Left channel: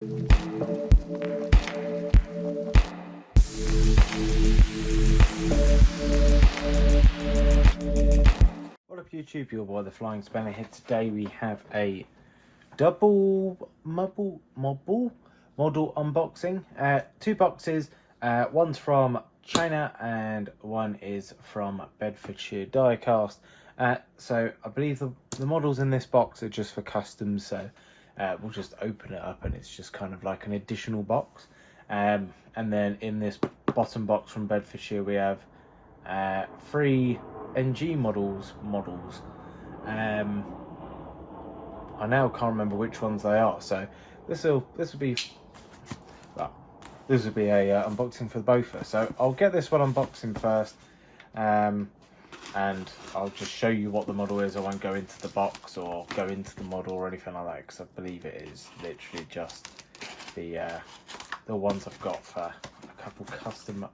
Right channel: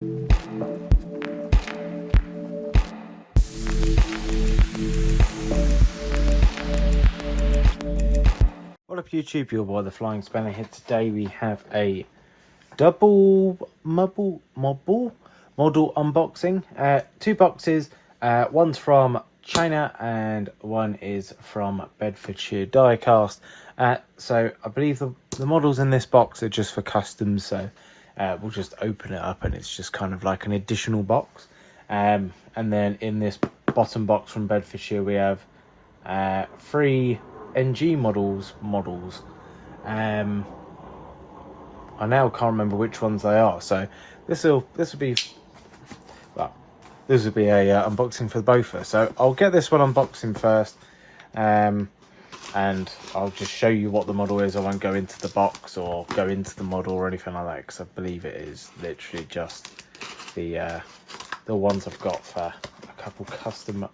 What up YouTube, your boy the Flying Spanner here. Today we have a double model unboxing. Two boxes, one's from China and one is from Bedfordshire Diecast. So I believe the models in this box are just for customs, so we'll just open it up and it's just kind of like an additional box. And then in this bottom box from Bedfordshire we have 3 NG models. I now can't remember which ones they are, so this will be a unboxing for both of us. So I'll get this one unboxing first, and I'll just show you what the model is. I won't go into the box or go into the model or anything like that, because I believe it is literally just the ones I've got for a couple custom,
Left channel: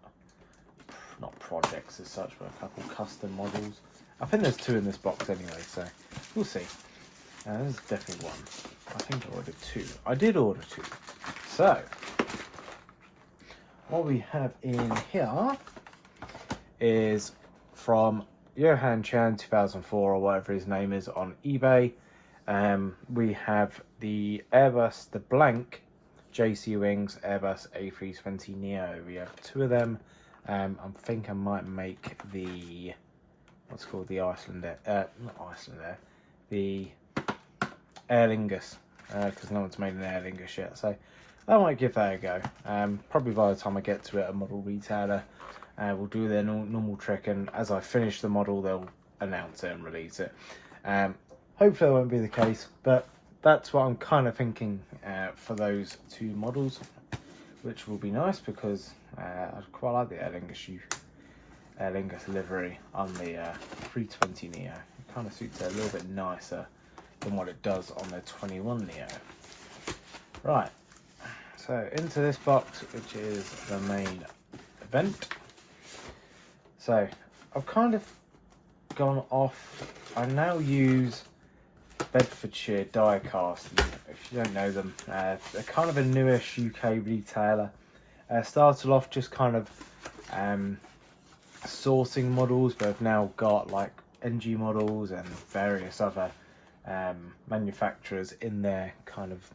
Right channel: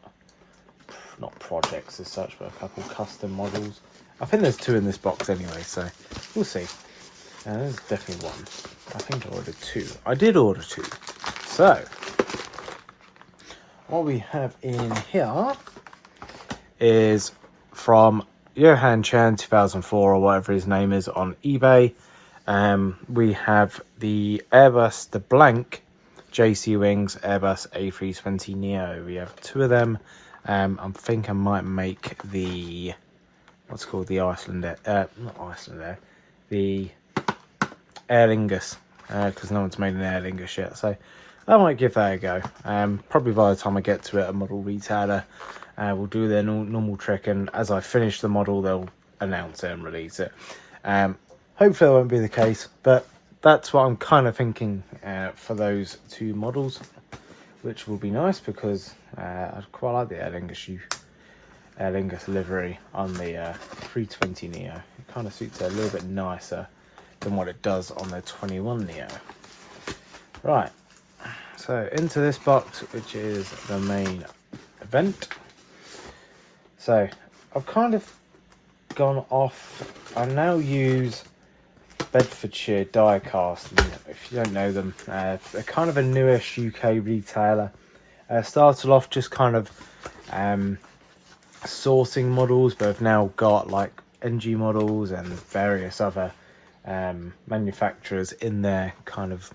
not projects as such, but a couple custom models. I think there's 2 in this box anyway, so we'll see. There's definitely 1. I think I ordered 2. I did order 2. So what we have in here is from Johan Chan 2004 or whatever his name is on eBay. We have the Airbus, the blank JC Wings Airbus A320neo. We have 2 of them. I think I might make the, what's called the Iceland Air, not Iceland Air, the Aer Lingus, because no one's made an Aer Lingus yet, so I might give that a go. Probably by the time I get to it, a model retailer will do their normal trick, and as I finish the model, they'll announce it and release it. Hopefully that won't be the case, but that's what I'm kind of thinking for those 2 models, which will be nice because I quite like the Aer Lingus livery on the 320neo. It kind of suits it a little bit nicer than what it does on the 21neo. Right, so into this box, which is the main event. So I've kind of gone off. I now use Bedfordshire Diecast, and if you don't know them, they're kind of a newish UK retailer. Started off just kind of sourcing models, but have now got like NG models and various other manufacturers in their kind of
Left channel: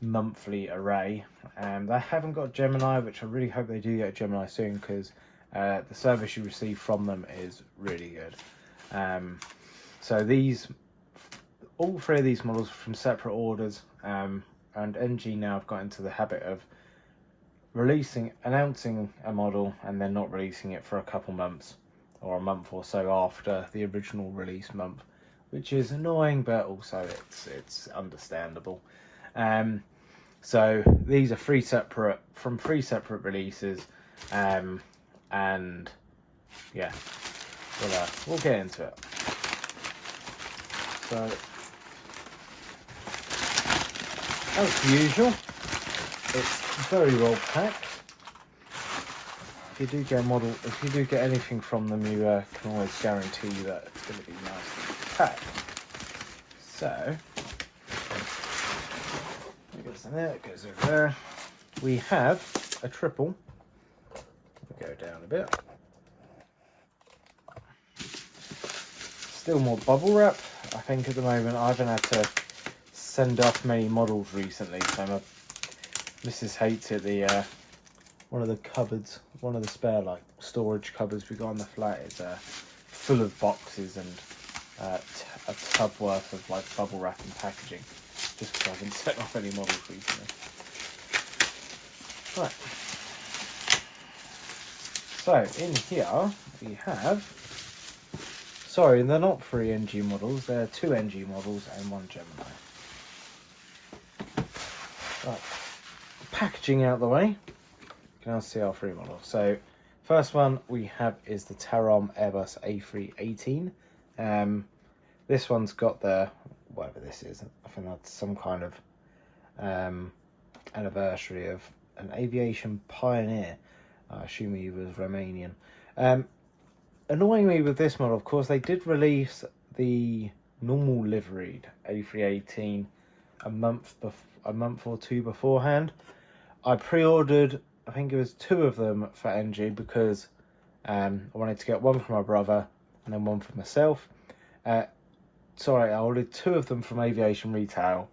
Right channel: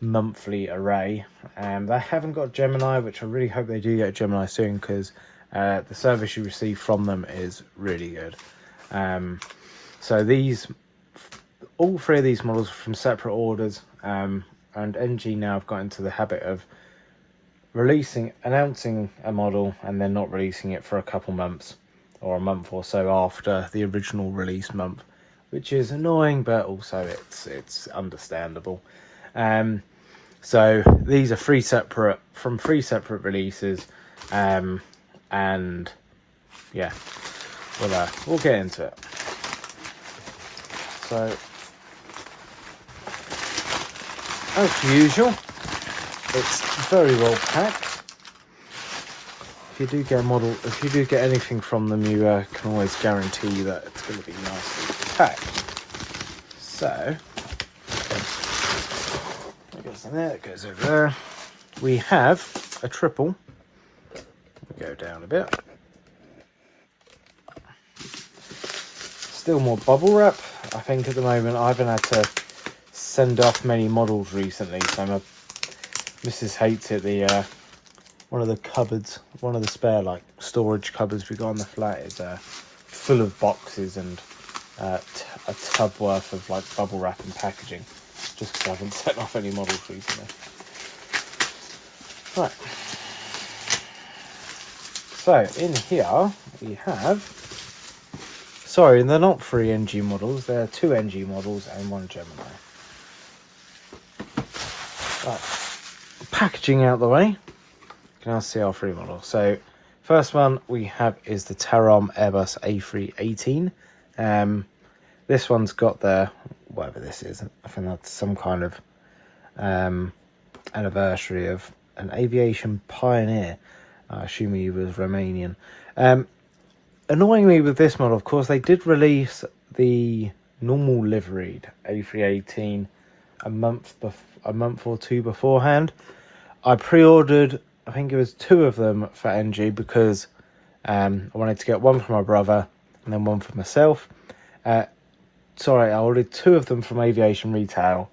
monthly array. They haven't got Gemini, which I really hope they do get Gemini soon, because the service you receive from them is really good. So all 3 of these models are from separate orders, and NG now have got into the habit of announcing a model and then not releasing it for a couple months or a month or so after the original release month, which is annoying, but also it's understandable. So these are 3 separate releases, and yeah, we'll get into it. So as usual, it's very well packed. If you do get anything from them, you can always guarantee that it's going to be nicely packed. So that goes in there, that goes over there. We have a triple. We'll go down a bit. Still more bubble wrap. I think at the moment I haven't had to send off many models recently, so my missus hates it. One of the cupboards, one of the spare like storage cupboards we got on the flat is full of boxes and a tub worth of like bubble wrap and packaging, just because I haven't sent off any models recently. Right, so in here we have, sorry, they're not 3 NG models, they're 2 NG models and 1 Gemini. Right, packaging out the way, you can now see our 3 models. So first one we have is the Tarom Airbus A318. This one's got the, whatever this is, I think that's some kind of anniversary of an aviation pioneer. I assume he was Romanian. Annoyingly with this model, of course, they did release the normal liveried A318 a month or two beforehand. I pre-ordered, I think it was 2 of them for NG because I wanted to get one for my brother and then one for myself. Sorry, I ordered 2 of them from Aviation Retail,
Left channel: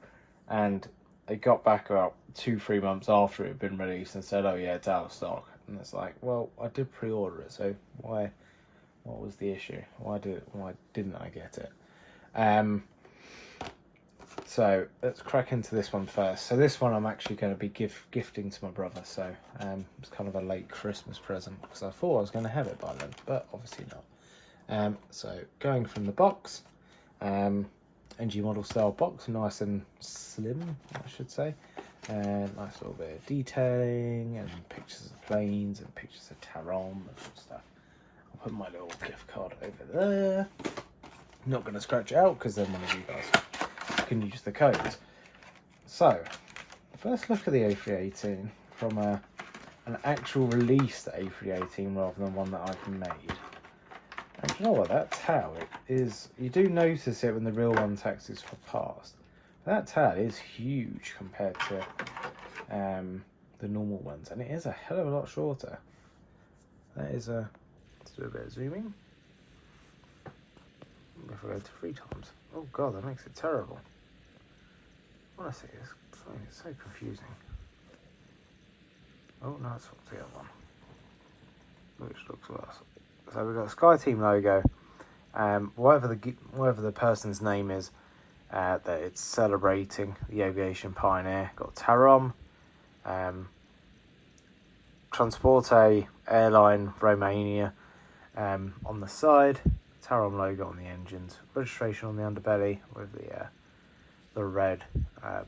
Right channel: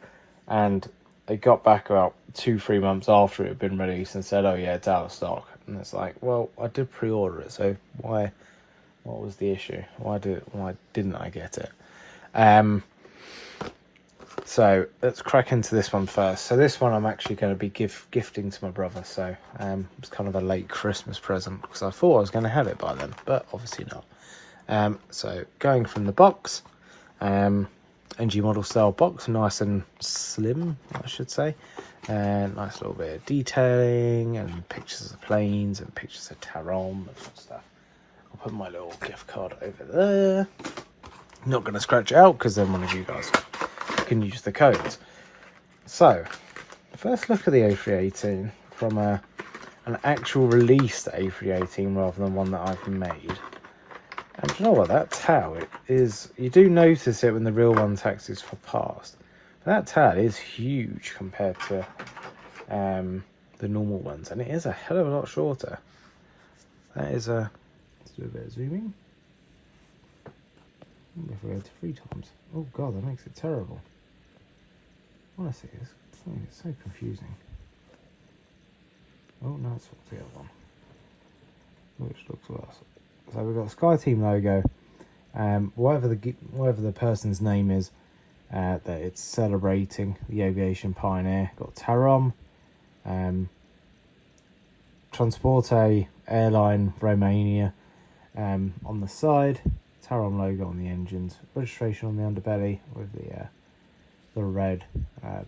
and it got back about 2-3 months after it had been released and said, "Oh yeah, it's out of stock." And it's like, well, I did pre-order it, so why? What was the issue? Why didn't I get it? So let's crack into this one first. So this one I'm actually going to be gifting to my brother. So it's kind of a late Christmas present because I thought I was going to have it by then, but obviously not. So going from the box, NG model style box, nice and slim, I should say. Nice little bit of detailing and pictures of planes and pictures of Tarom and stuff. I'll put my little gift card over there. Not going to scratch it out because then one of you guys can use the codes. So, first look at the A318 from an actual released A318 rather than one that I've made. And you know what, that tail is, you do notice it when the real one taxis for past. That tail is huge compared to the normal ones, and it is a hell of a lot shorter. That is a, let's do a bit of zooming. If we go to 3 times. Oh god, that makes it terrible. Honestly, it's so confusing. Oh no, it's the other one, which looks worse. So we've got a SkyTeam logo. Whatever the person's name is that it's celebrating, the aviation pioneer. Got Tarom, Transporte airline Romania on the side. Tarom logo on the engines. Registration on the underbelly with the red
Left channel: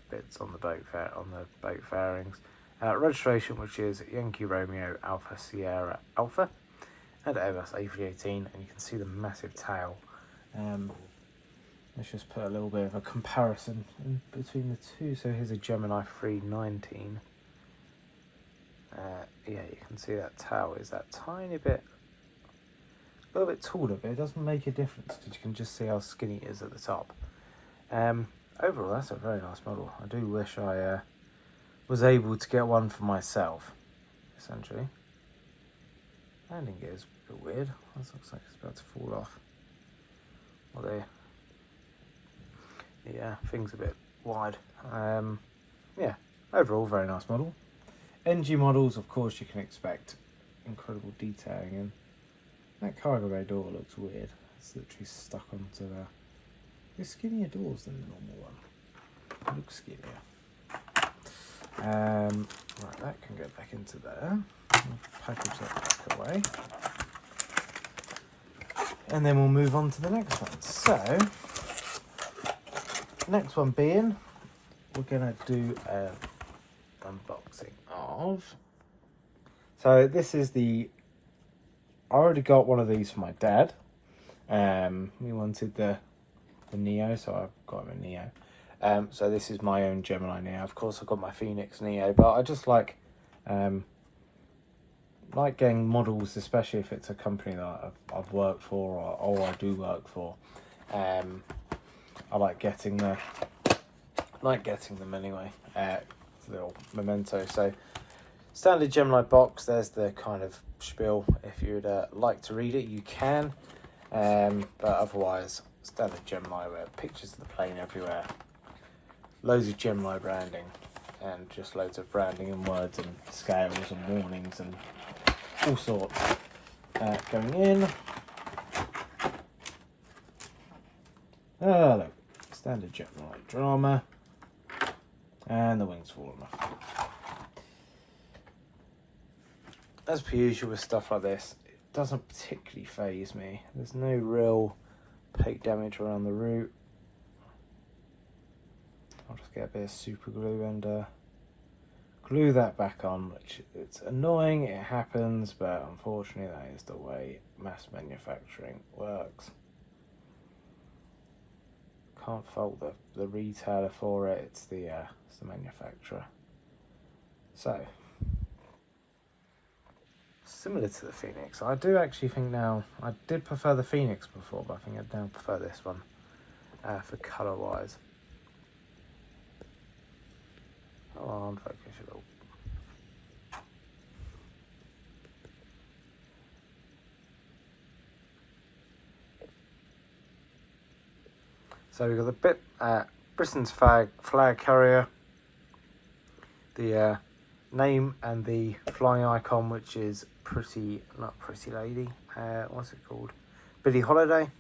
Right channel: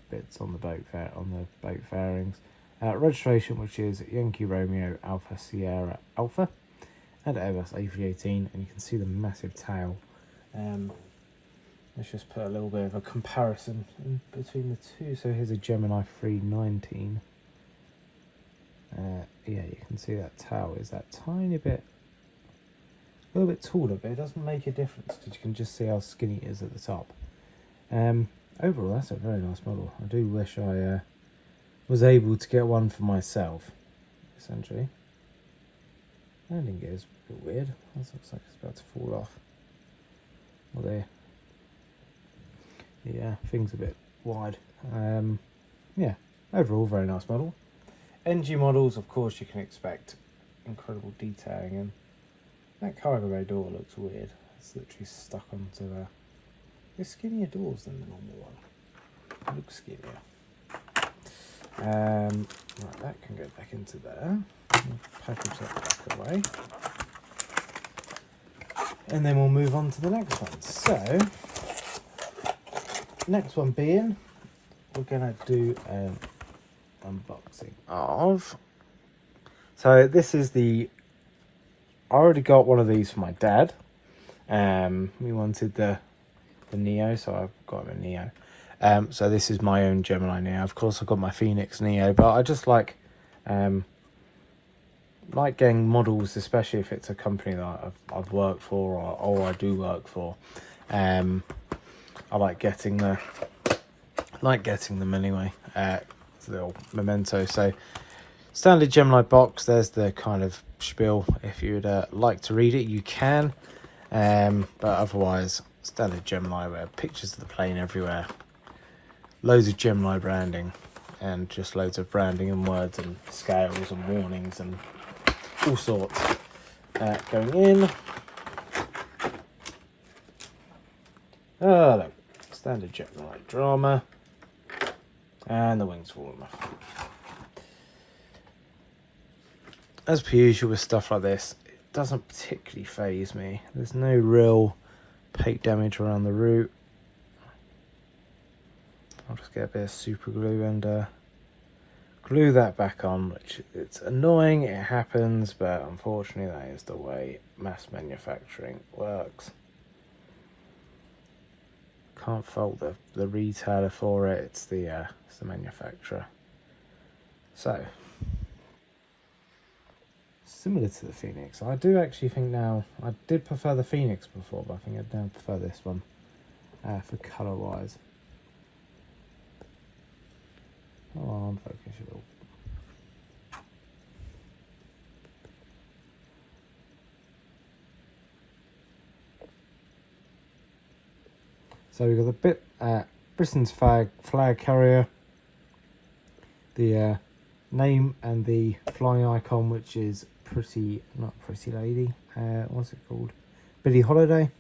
bits on the boat fairings. Registration, which is Yankee Romeo Alpha Sierra Alpha, and Airbus A318, and you can see the massive tail. Let's just put a little bit of a comparison in between the two. So here's a Gemini 319. Yeah, you can see that tail is that tiny bit, a little bit taller, but it doesn't make a difference because you can just see how skinny it is at the top. Overall, that's a very nice model. I do wish I was able to get one for myself, essentially. Landing gear is a bit weird. This looks like it's about to fall off. Although, yeah, things a bit wide. Yeah, overall, very nice model. NG models, of course, you can expect incredible detailing, and that cargo bay door looks weird. It's literally stuck onto the... There's skinnier doors than the normal one. It looks skinnier. Right, that can go back into there. Package that back away. And then we'll move on to the next one. So, next one being, we're going to do an unboxing of... So this is the... I already got one of these for my dad. He wanted the Neo, so I've got him a Neo. So this is my own Gemini Neo. Of course, I've got my Phoenix Neo, but I just like getting models, especially if it's a company that I've worked for or I do work for. I like getting them anyway. It's a little memento. So standard Gemini box. There's the kind of spiel. If you'd like to read it, you can. But otherwise, standard Gemini, where pictures of the plane everywhere. Loads of Gemini branding, and just loads of branding and words and scales and warnings and all sorts going in. Oh, look, standard Gemini drama, and the wings falling off. As per usual with stuff like this, it doesn't particularly faze me. There's no real paint damage around the root. I'll just get a bit of super glue and glue that back on, which it's annoying, it happens, but unfortunately that is the way mass manufacturing works. Can't fault the retailer for it, it's the manufacturer. So, similar to the Phoenix, I do actually think now, I did prefer the Phoenix before, but I think I now prefer this one for colour wise. Oh, on focus it all. So we've got the Britain's flag carrier, the name and the flying icon, which is not Pretty Lady, what's it called? Billie Holiday.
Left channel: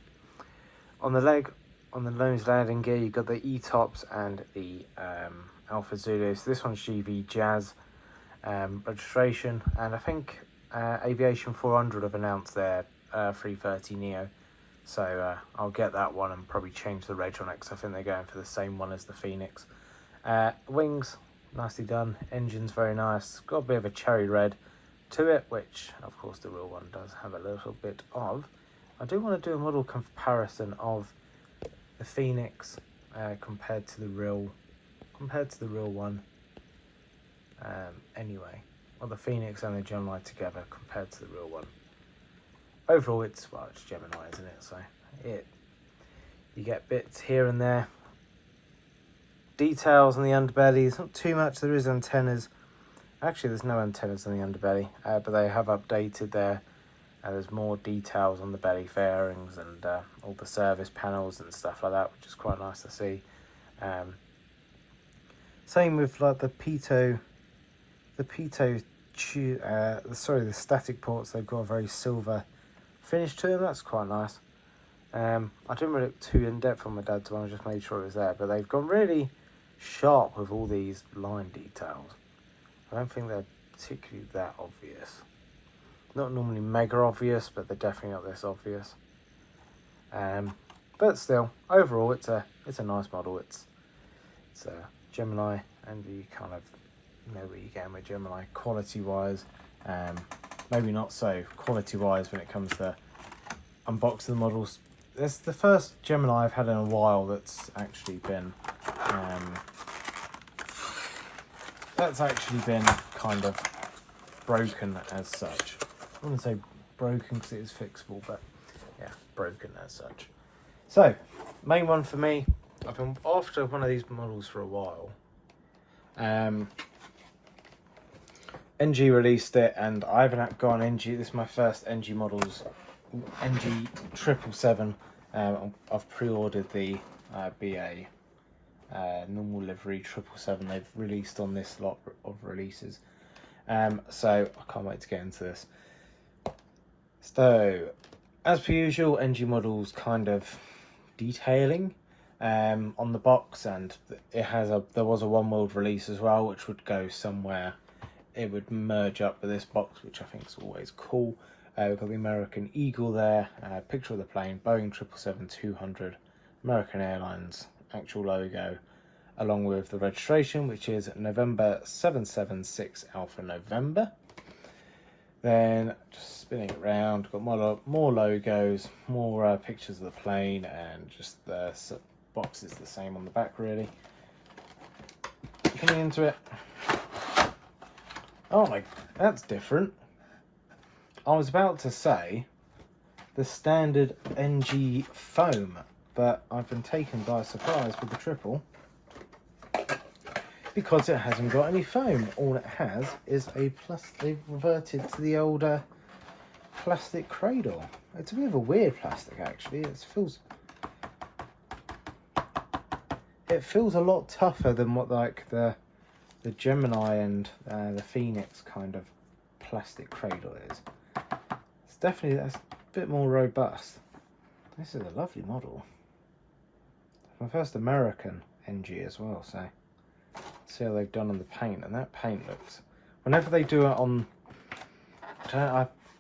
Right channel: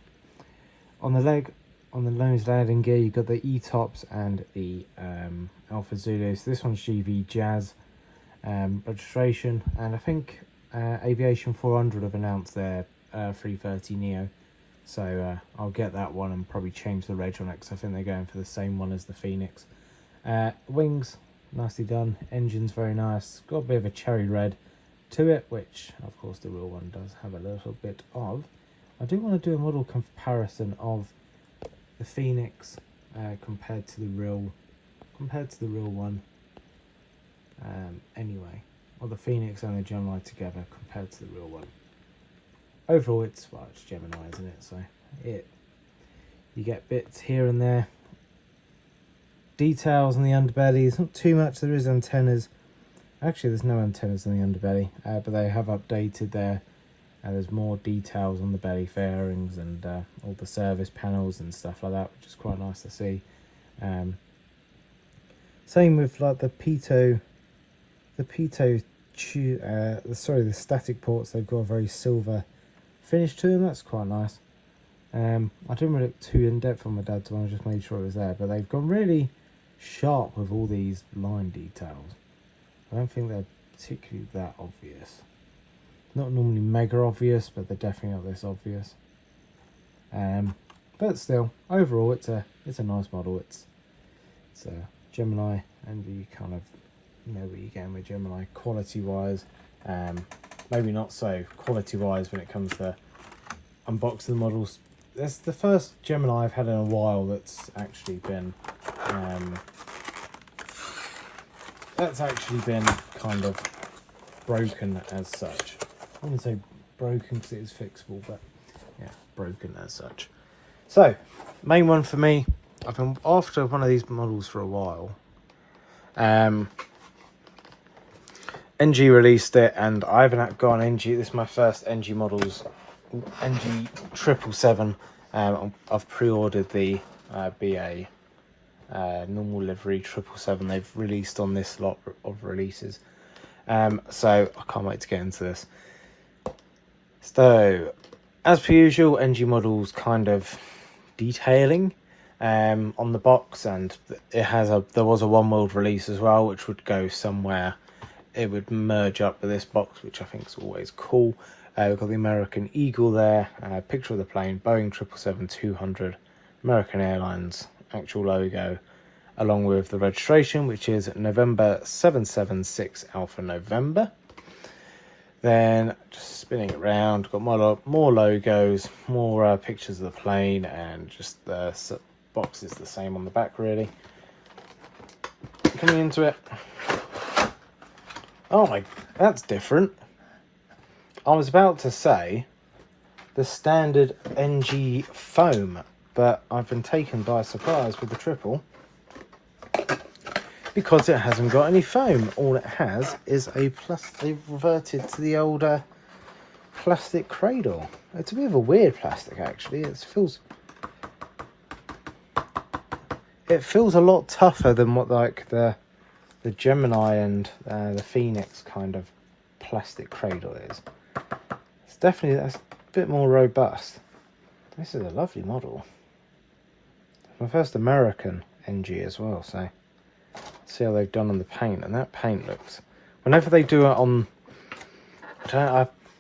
On the nose landing gear, you've got the E-tops and the Alpha Zulu. So this one's GV Jazz registration, and I think Aviation 400 have announced their A330neo. So I'll get that one and probably change the reg on it, because I think they're going for the same one as the Phoenix. Wings, nicely done. Engine's very nice. Got a bit of a cherry red to it, which of course the real one does have a little bit of. I do want to do a model comparison of the Phoenix compared to the real one. Anyway, or the Phoenix and the Gemini together compared to the real one. Overall, it's Gemini, isn't it? So you get bits here and there. Details on the underbelly. There's not too much. There is antennas. Actually, there's no antennas on the underbelly, but they have updated there. There's more details on the belly fairings and all the service panels and stuff like that, which is quite nice to see. Same with like the static ports. They've got a very silver finish to them. That's quite nice. I didn't really look too in depth on my dad's one. I just made sure it was there, but they've gone really sharp with all these line details. I don't think they're particularly that obvious. Not normally mega obvious, but they're definitely not this obvious. But still, overall, it's a nice model. It's a Gemini, and you kind of know what you're getting with Gemini quality wise. Maybe not so quality wise when it comes to unboxing the models. That's the first Gemini I've had in a while that's actually been kind of broken as such. I wouldn't say broken because it is fixable, but yeah, broken as such. So, main one for me, I've been after one of these models for a while. NG released it, and I haven't got an NG. This is my first NG models, NG 777. I've pre-ordered the BA normal livery 777 they've released on this lot of releases. So I can't wait to get into this. So, as per usual, NG models kind of detailing on the box, and there was a one world release as well, which would go somewhere. It would merge up with this box, which I think is always cool. We've got the American Eagle there, picture of the plane, Boeing 777-200, American Airlines actual logo, along with the registration, which is November 776 Alpha November. Then just spinning it around, got more logos, more pictures of the plane, and just the box is the same on the back really. Coming into it. Oh my, that's different. I was about to say the standard NG foam, but I've been taken by surprise with the triple because it hasn't got any foam. All it has is they've reverted to the older plastic cradle. It's a bit of a weird plastic actually. It feels a lot tougher than what like the Gemini and the Phoenix kind of plastic cradle is. That's a bit more robust. This is a lovely model. It's my first American NG as well, so see how they've done on the paint. And that paint looks, whenever they do it on,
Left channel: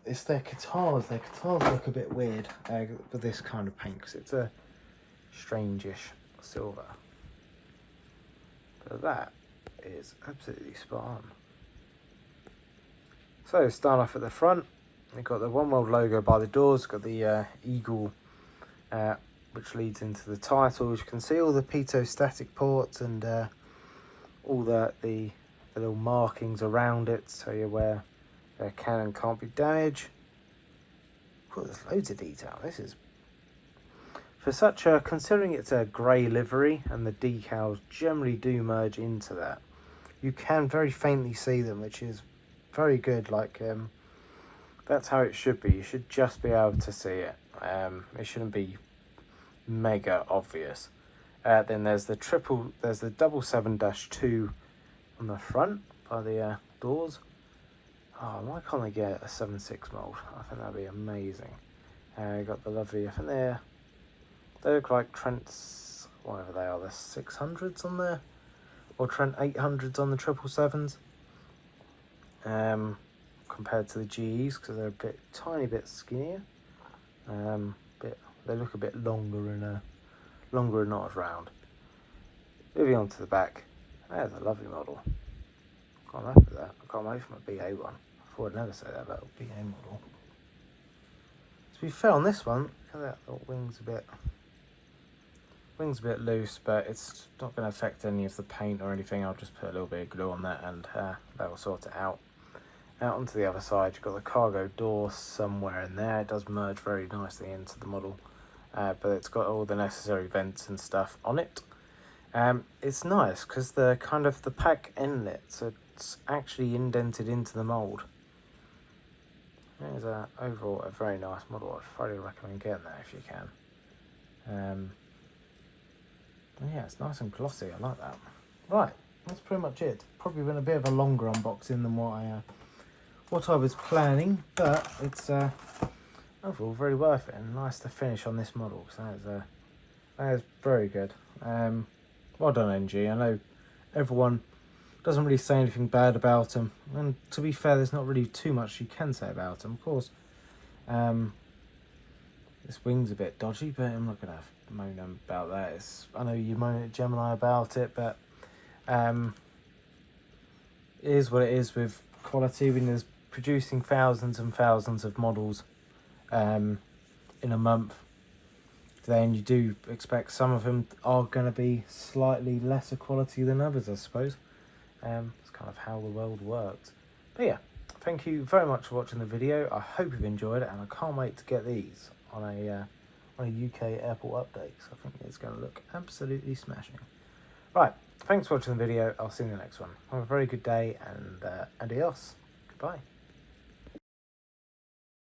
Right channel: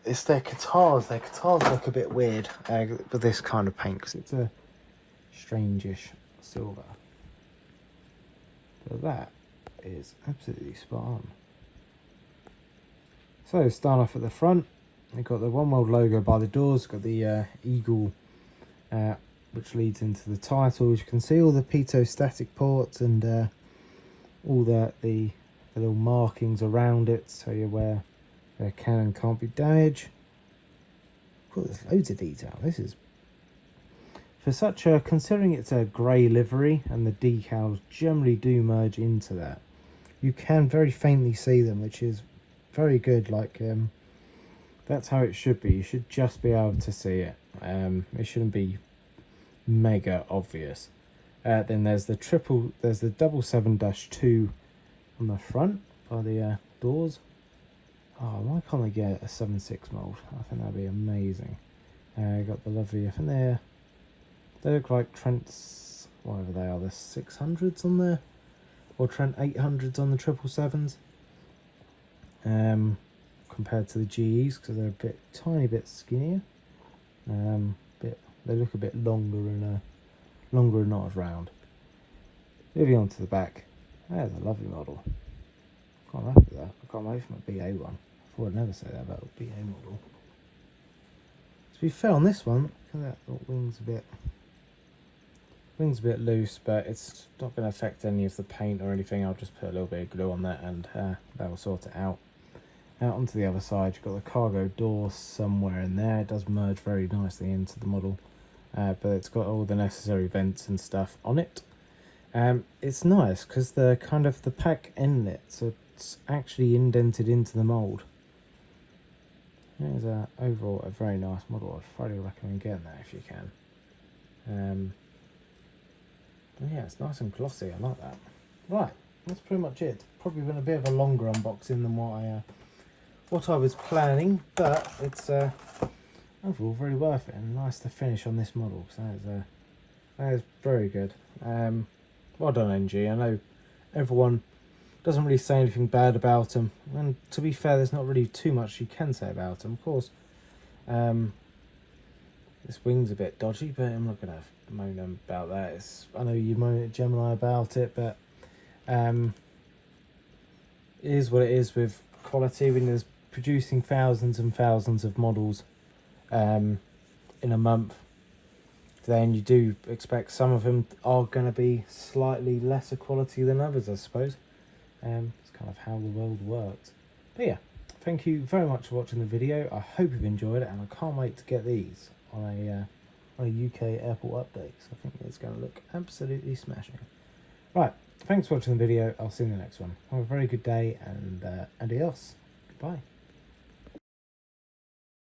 it's their Qatars. Their Qatars look a bit weird with this kind of paint because it's a strangish silver. But that is absolutely spot on. So start off at the front. They've got the One World logo by the doors, got the eagle which leads into the title. As you can see, all the pitot static ports and all the little markings around it, so you're aware their can and can't be damaged. Oh, there's loads of detail. This is, for such considering it's a grey livery and the decals generally do merge into that, you can very faintly see them, which is very good. Like that's how it should be. You should just be able to see it. It shouldn't be mega obvious. Then there's the 777-2 on the front by the doors. Oh, why can't they get a 7.6 mould? I think that'd be amazing. You got the lovely, I think they look like Trent's, whatever they are, the 600s on there, or Trent 800s on the 777s. Compared to the GEs, because they're a tiny bit skinnier. They look a bit longer and not as round. Moving on to the back, there's a lovely model. Can't wait for that. I can't wait for my BA one. I thought I'd never say that about a BA model. To be fair on this one, look at that, the wing's a bit loose, but it's not going to affect any of the paint or anything. I'll just put a little bit of glue on that and that will sort it out. Out onto the other side, you've got the cargo door somewhere in there. It does merge very nicely into the model, but it's got all the necessary vents and stuff on it. It's nice because the pack inlets are actually indented into the mould. It is overall a very nice model. I'd thoroughly recommend getting that if you can. Yeah, it's nice and glossy. I like that. Right, that's pretty much it. Probably been a bit of a longer unboxing than what I was planning, but it's overall very worth it and nice to finish on this model. So that is very good. Well done, NG. I know everyone doesn't really say anything bad about them, and to be fair, there's not really too much you can say about them. Of course, this wing's a bit dodgy, but I'm not going to moan about that. I know you moan at Gemini about it, but it is what it is with quality. When there's producing thousands and thousands of models in a month, then you do expect some of them are going to be slightly lesser quality than others, I suppose. It's kind of how the world works. But yeah, thank you very much for watching the video. I hope you've enjoyed it, and I can't wait to get these on a UK airport update. So I think it's going to look absolutely smashing. Right, thanks for watching the video. I'll see you in the next one. Have a very good day, and adios. Goodbye.